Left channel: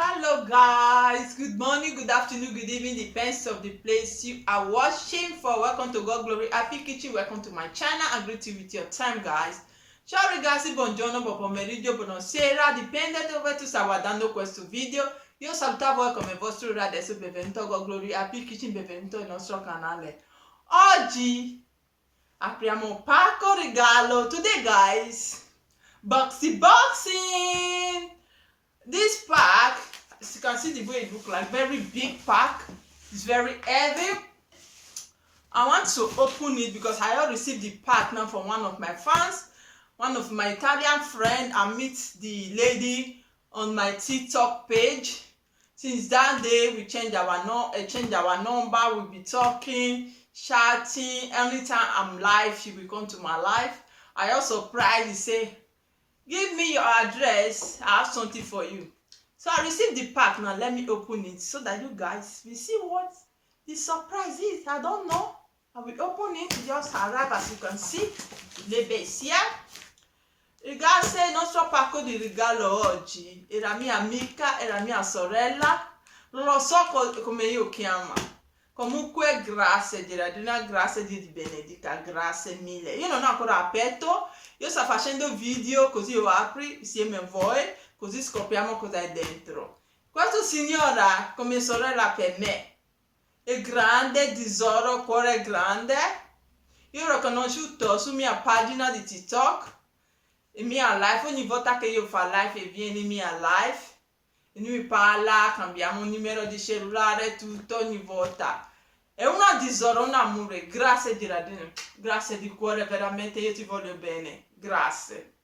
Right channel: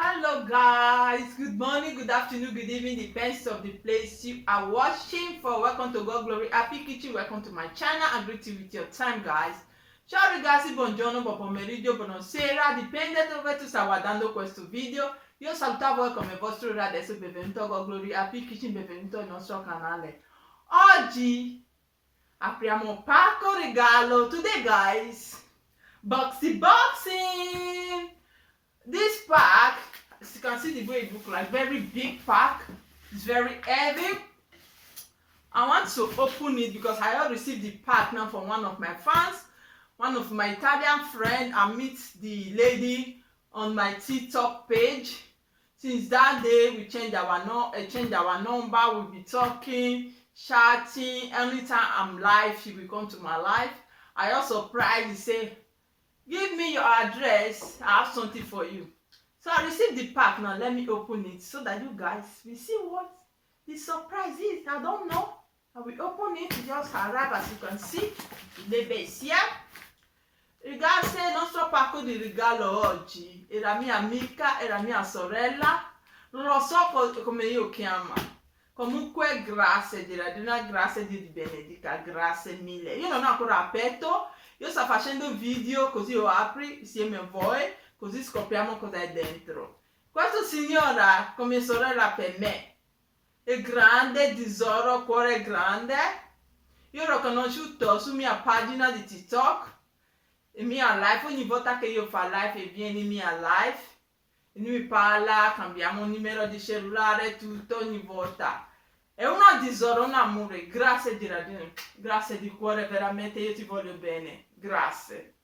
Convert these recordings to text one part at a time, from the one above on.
Hello guys, good morning, good afternoon, good evening, depends of the place you are watching for. Welcome to God Glory Happy Kitchen. Welcome to my channel. I greet you with your time, guys. Ciao ragazzi, buongiorno, buon pomeriggio, buonasera, dipende dove tu stai guardando questo video. Io saluto voi come vostro ora, adesso benvenuto a God Glory Happy Kitchen, benvenuto al nostro canale. Oggi apriamo pacco regalo. Today guys, boxing. This pack, as you can see the way it looks like, very big pack. It's very heavy. I want to open it because I have received the pack now from one of my fans, one of my Italian friend. I meet the lady on my TikTok page. Since that day, we changed our number. We'll be talking, chatting. Anytime I'm live, she will come to my life. I also surprised, say, give me your address. I have something for you. So I received the pack. Now let me open it so that you guys will see what the surprise is. I don't know. I will open it. It just arrived, as you can see. The base here. Grazie, nostro pacco di regalo oggi. Era mia amica, era mia sorella. Non lo so come io chiama. Comunque, grazie Gerardina, grazie Dio ti benedica, grazie mille. Io non ho ancora aperto. Io sto facendo video così io apri insieme a voi, così scopriamo cosa è dentro. Questa signora come sorella per me è grande, tesoro, cuore grande. Io l'ho conosciuto su mia pagina di TikTok, in mia live. Ogni volta che io fa live e viene in mia live e lui mi parla, cambiamo il numero di cellulare, tutto ogni volta. È una tesoro, un amore. Grazie Gerardina, grazie di cuore, veramente io ti voglio bene, grazie.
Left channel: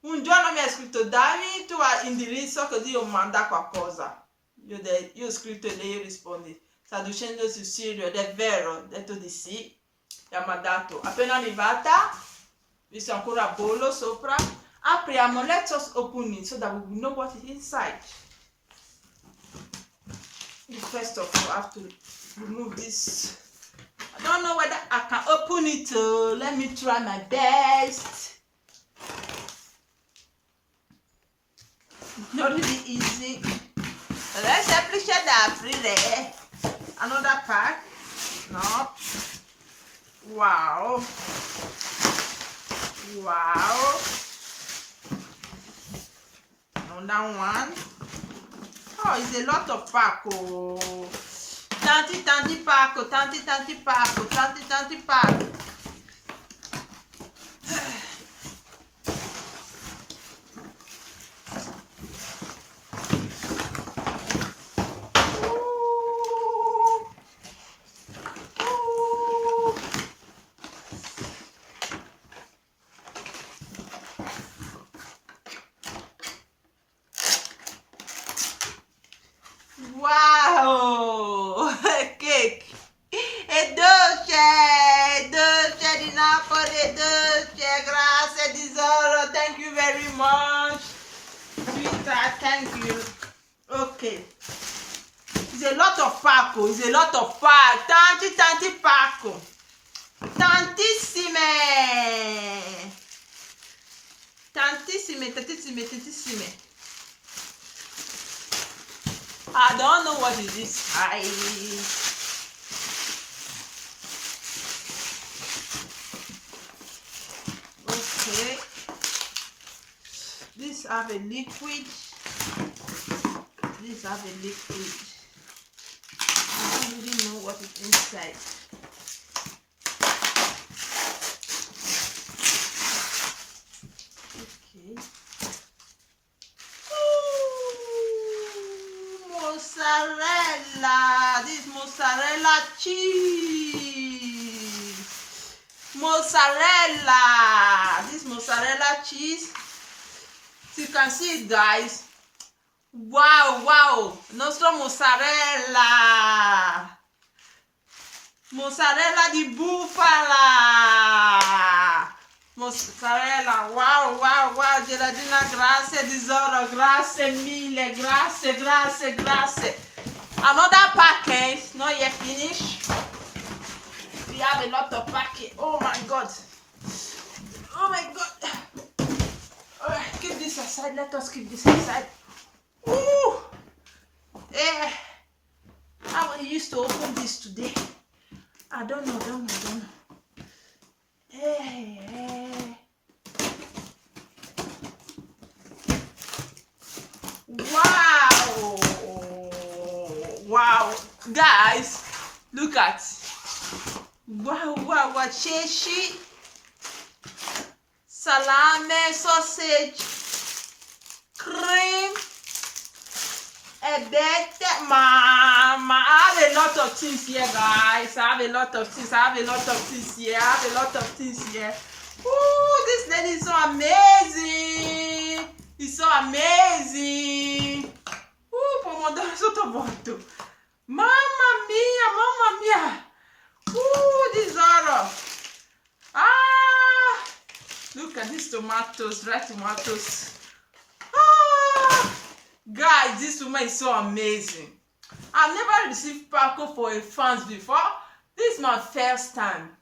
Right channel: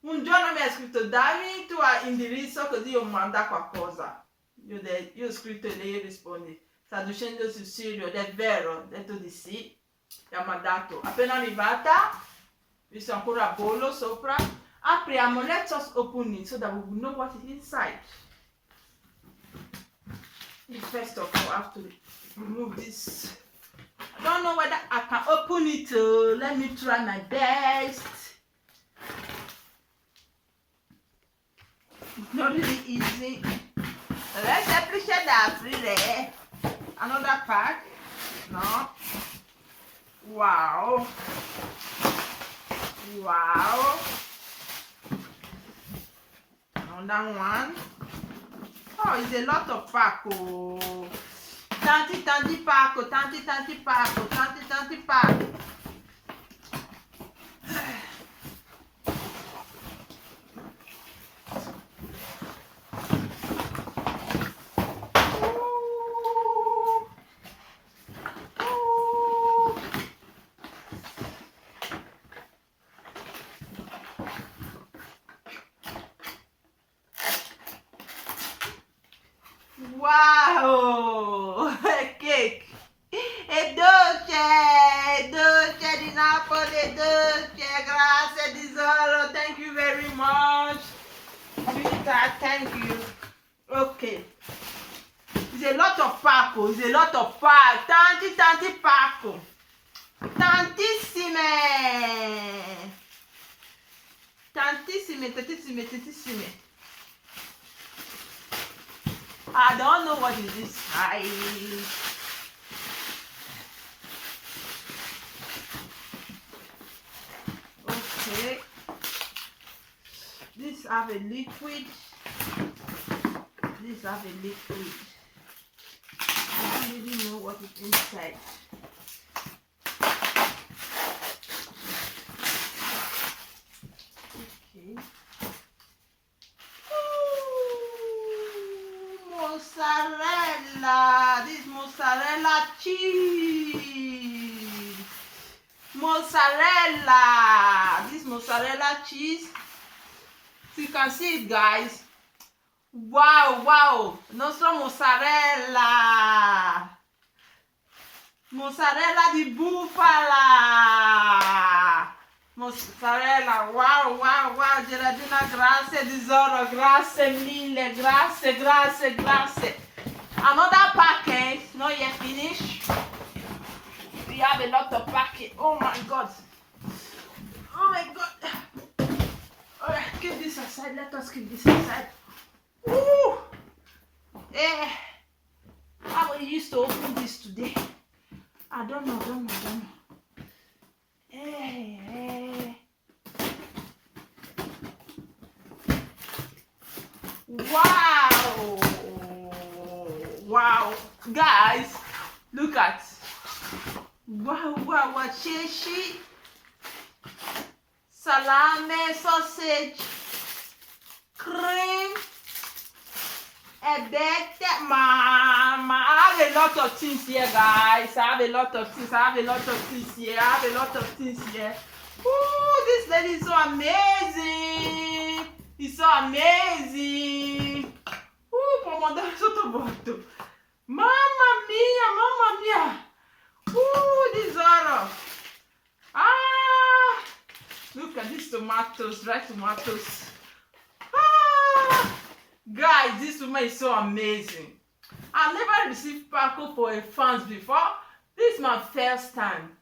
Un giorno mi ha scritto dammi tu hai indirizzo così io manda qualcosa. Io ho scritto e lei risponde, sta dicendo sul serio ed è vero, ho detto di sì, mi ha mandato. Appena arrivata, visto ancora bollo sopra, apriamo, let's just open it so that we will know what is inside. First of all, I have to remove this. I don't know whether I can open it. Let me try my best. Not really easy. Let's semplice da aprire. Another pack. No. Wow. Another one. Oh, it's a lot of pacco. Tanti pacco. Wow! Cake! È dolce di Napoli, dolce, grazie tesoro, thank you very much. Sweetheart, thank you. Okay. It's a lot of pacco, tanti pacco. Tantissime. I don't know what is inside. Okay. This have a liquid. I don't really know what is inside. Okay. Mozzarella. This mozzarella cheese. This mozzarella cheese. So you can see it, guys. Wow. Nostro mozzarella di bufala. Mozzarella. Wow. Gerardina, grazie tesoro, grazie mille, grazie. Another package, not yet finished. We have a lot of package. Oh my god. Alright, keep this aside. Let us keep this aside. Ooh. How I used to open this today. I don't know. Wow, guys, look at. Wow, cheshi, salami, sausage, cream, mama. I have a lot of things here, guys. I have a lot of things here. Ooh, this lady is so amazing. It's so amazing. Ooh, pomodoro sotto botto. Mamma mia. Ooh, this horror. Look at these tomatoes, red tomatoes. Guys, this woman is so amazing. I've never received pacco for a fans before. This is my first time.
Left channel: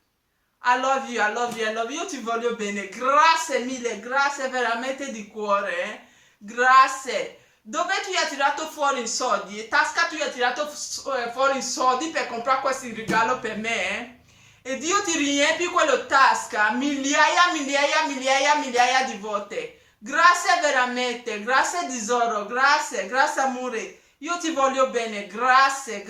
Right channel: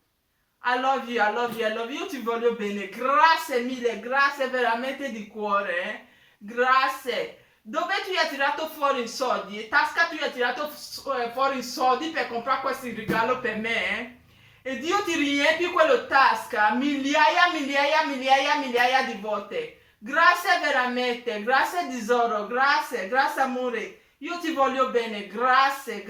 I love you. Io ti voglio bene. Grazie mille, grazie veramente di cuore. Grazie. Dove tu hai tirato fuori i soldi? Tasca tu hai tirato fuori i soldi per comprare questi regalo per me? E Dio ti riempi quello tasca migliaia di volte. Grazie veramente, grazie tesoro, grazie amore. Io ti voglio bene, grazie.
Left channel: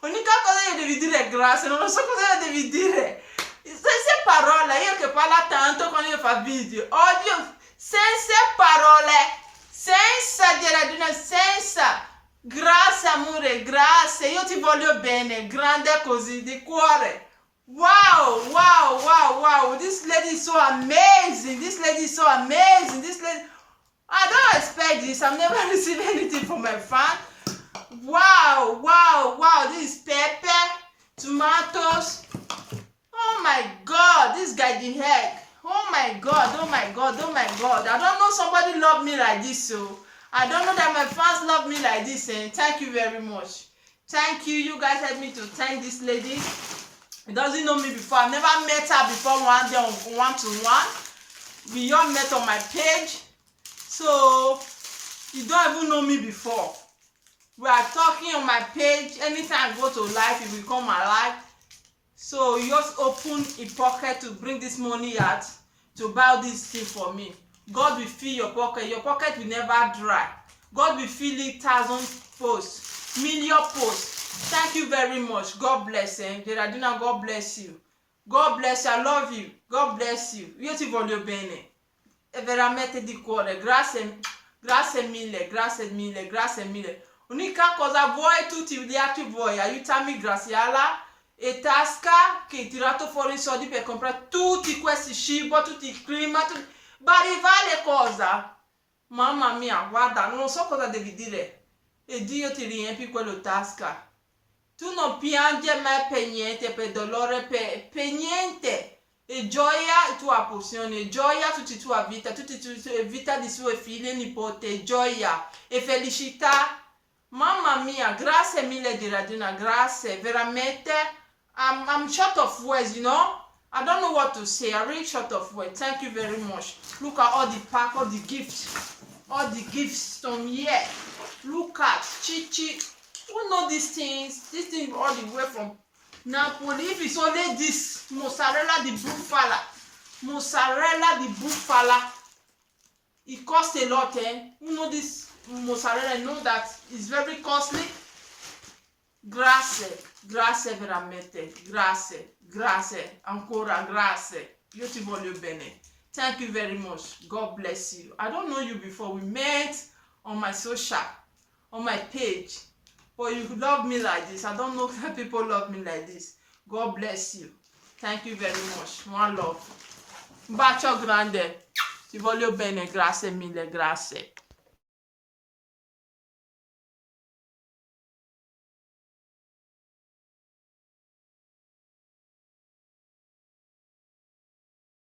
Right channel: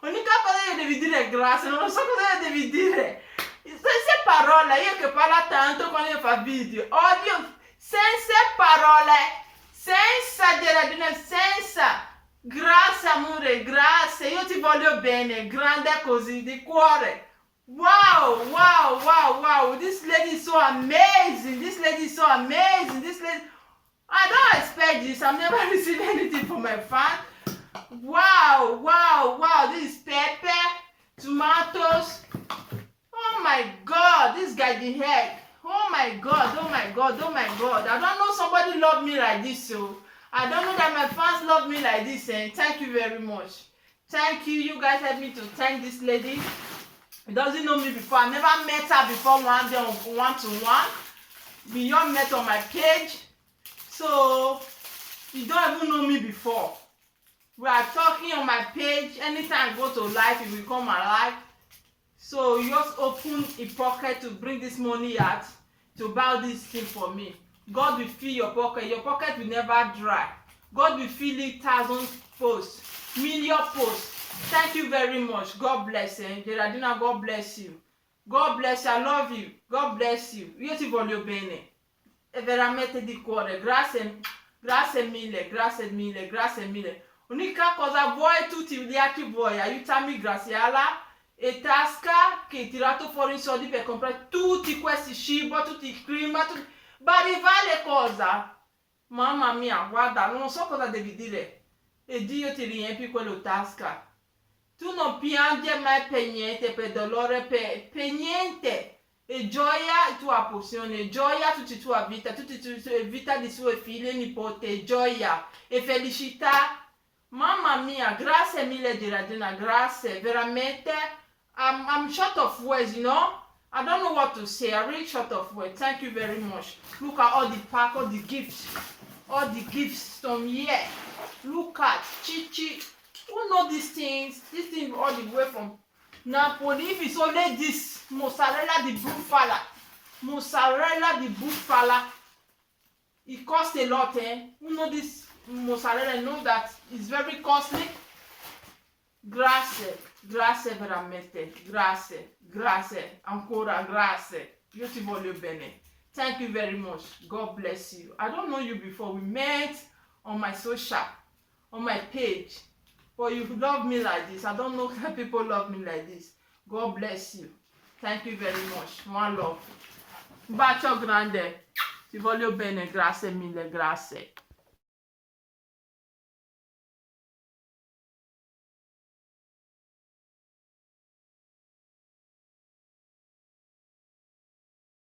Unica cosa che devi dire è grazie, non lo so cosa devi dire. Senza parole, io che parlo tanto quando io faccio video. Odio, senza parole. Senza Gerardina, senza. Grazie amore, grazie. Io ti voglio bene, grande così, di cuore. Wow. This lady is so amazing. I don't expect this. I've never received anything from my fan. Wow. This is pepper, tomatoes. Oh my God, this guy the heck. Oh my God. I don't know somebody love me like this, so I don't know that my fans love me like this, and thank you very much. Thank you. You guys help me to thank this lady. He doesn't know me before. I never met her before one day on one-to-one. We all met on my page. So you don't even know me before. We are talking on my page. Anytime I go to live, it will come alive. So you just open a pocket to bring this money out to buy this thing for me. God will fill your pocket. Your pocket will never dry. God will fill it 1,000 posts, million posts. Thank you very much. God bless you. Gerardina, God bless you. God bless you. I love you. God bless you. Io ti voglio bene. È veramente di cuore. Grazie mille. Unica cosa vuoi, tutti gli altri vuoi. Aiutami, Graziella e Tasca, che hai tirato fuori i soldi per comprare tutti questi cibo, tutti i clima, barivale cosa. Mamma mia, guarda, non so cosa devi dire. E Dio ti riempi quello tasca. Tu non piangi mai per niente, per dolore, per niente. E gioia tua porzione, gioia tutta tua vita di sue figlie, nipote, gioia e felicità. Mamma mia, grazie mille Gerardina, grazie, veramente. I'm short of words, you know. I don't know what to say. I'm really short of words. Thank you very much. Look at all the pack, all the gifts from here. Look at Chichi. Who know these things? This thing all the way from Napoli. If it's only this mozzarella di bufala, it costs a lot, eh? Who know this mozzarella? Know that it's very costly. Grazie veramente, grazie, ancora grazie. Io ti voglio bene. Thank you very much. God bless you. I don't know you before. We met on my social, on my page. But you love me like this. I don't know how people love me like this. God bless you. Thank you very much. One love. Un bacio grande. Ti voglio bene. Grazie mille, grazie.